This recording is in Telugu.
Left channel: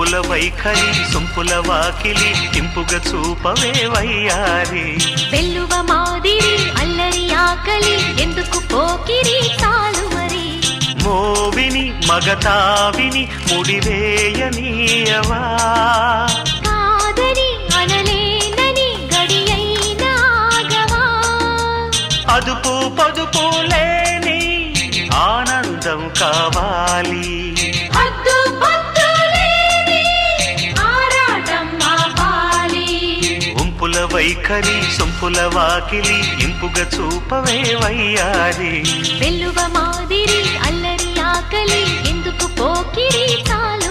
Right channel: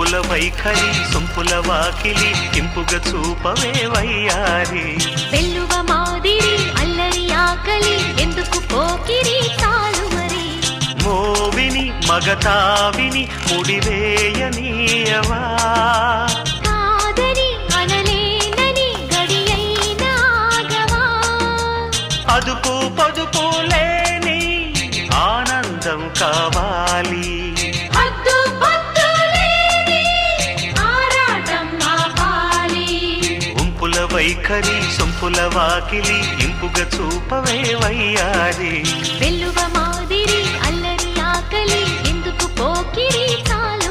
ఉంపుల వైఖరి సొంపుల వాకిలి ఇంపుగా చూపవే వయ్యారి వెల్లువ మాదిరి అల్లరి ఆకలి ఎందుకు పోకిరి చాలు మరి మోవిని మగతావిని ముడివేయనీయవా కాదని అనలేనని గడియైనాగవా అదుపు పదుపు లేని ఆనందం కావాలి హద్దు పొద్దు లేని ఆరాటం ఆపాలి ఉంపుల వైఖరి సొంపుల వాకిలి ఇంపుగా చూపవే వయ్యారి వెల్లువ మాదిరి అల్లరి ఆకలి ఎందుకు పోకిరి చాలు